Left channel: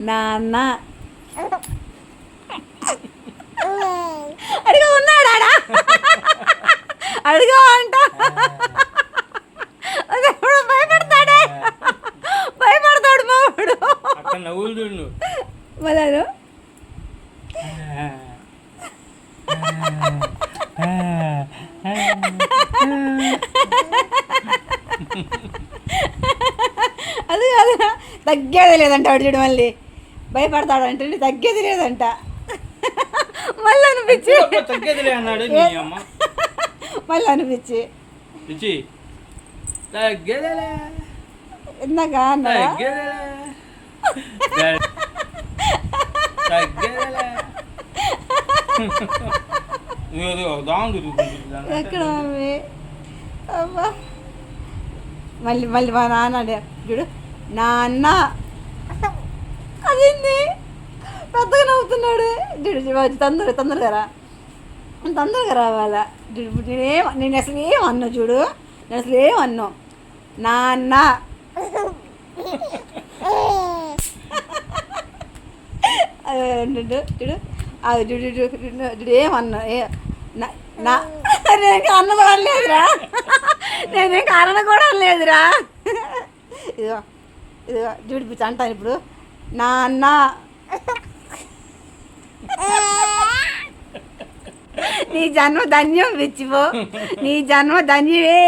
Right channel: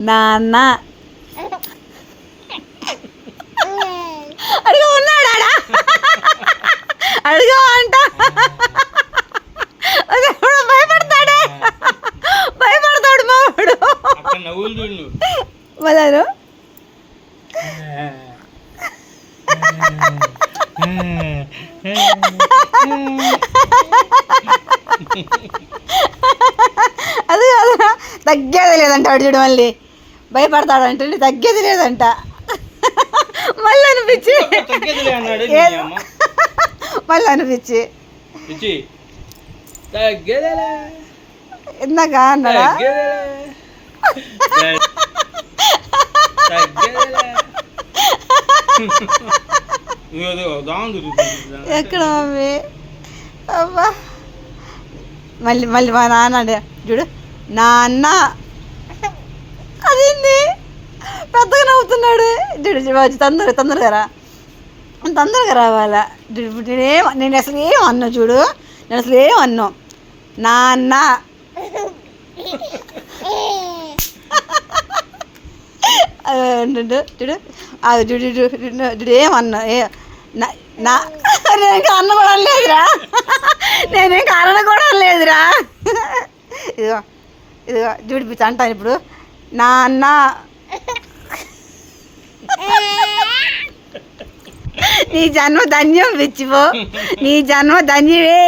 నాన్న అడిగా ఉన్నాడా అడిగా అంట భయపడతాడే భయపడతాడు మావాడు మళ్ళీ అది కదా తగ్గేది లేదంట వాడు చూడు మళ్ళీ భయపడతాడంటే తగ్గేది లేదంట మళ్ళీ అనిపించి మళ్ళీ అనిపించి ఇందాక అన్నాడా ఎక్కడ మమ్మీ అబ్బా మళ్ళీ మళ్ళీ మా నాన్న చూడు నాన్న అదేంది పెద్దగా నవ్వుతున్నాడు చూడు తొందరగా రా తొందరగా రావాలా నేను అసలు ఏం అన్నా చూడు నేను అసలు ఏం అన్నా నాన్న చూడు చూడు చూడు ఏమన్నా నేనేం కారణం కూడా లేదురా నేనేం కారణం కూడా లేదురా ఇదిగో ఇదిగో చూడిపించు అంటాను ఇప్పుడు నాన్న నీ జన్మ ధన్యం పిచ్చిపో నీ జన్మ ధన్యమే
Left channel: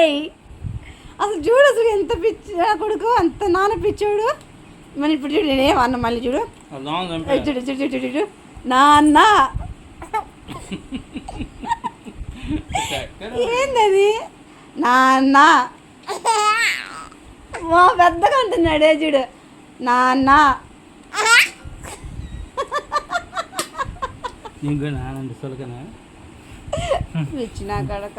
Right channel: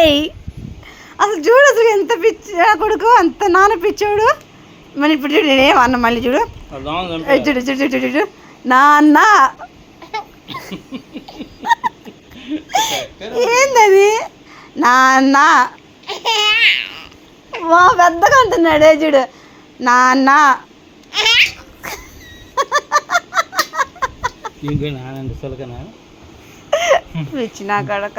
అసలు చూడు అసలు ఎంత పిచ్చి కొడుకు అంత నాన్న పిచ్చోడు మళ్ళీ ఇప్పుడు చూడు నేనేమన్నా మళ్ళీ చూడు చూడు చూడు చూడు చూడు నాన్న ఏందది నాన్న పెద్దగా అంటున్నాడే చూడు నాన్న పిచ్చి నా కడక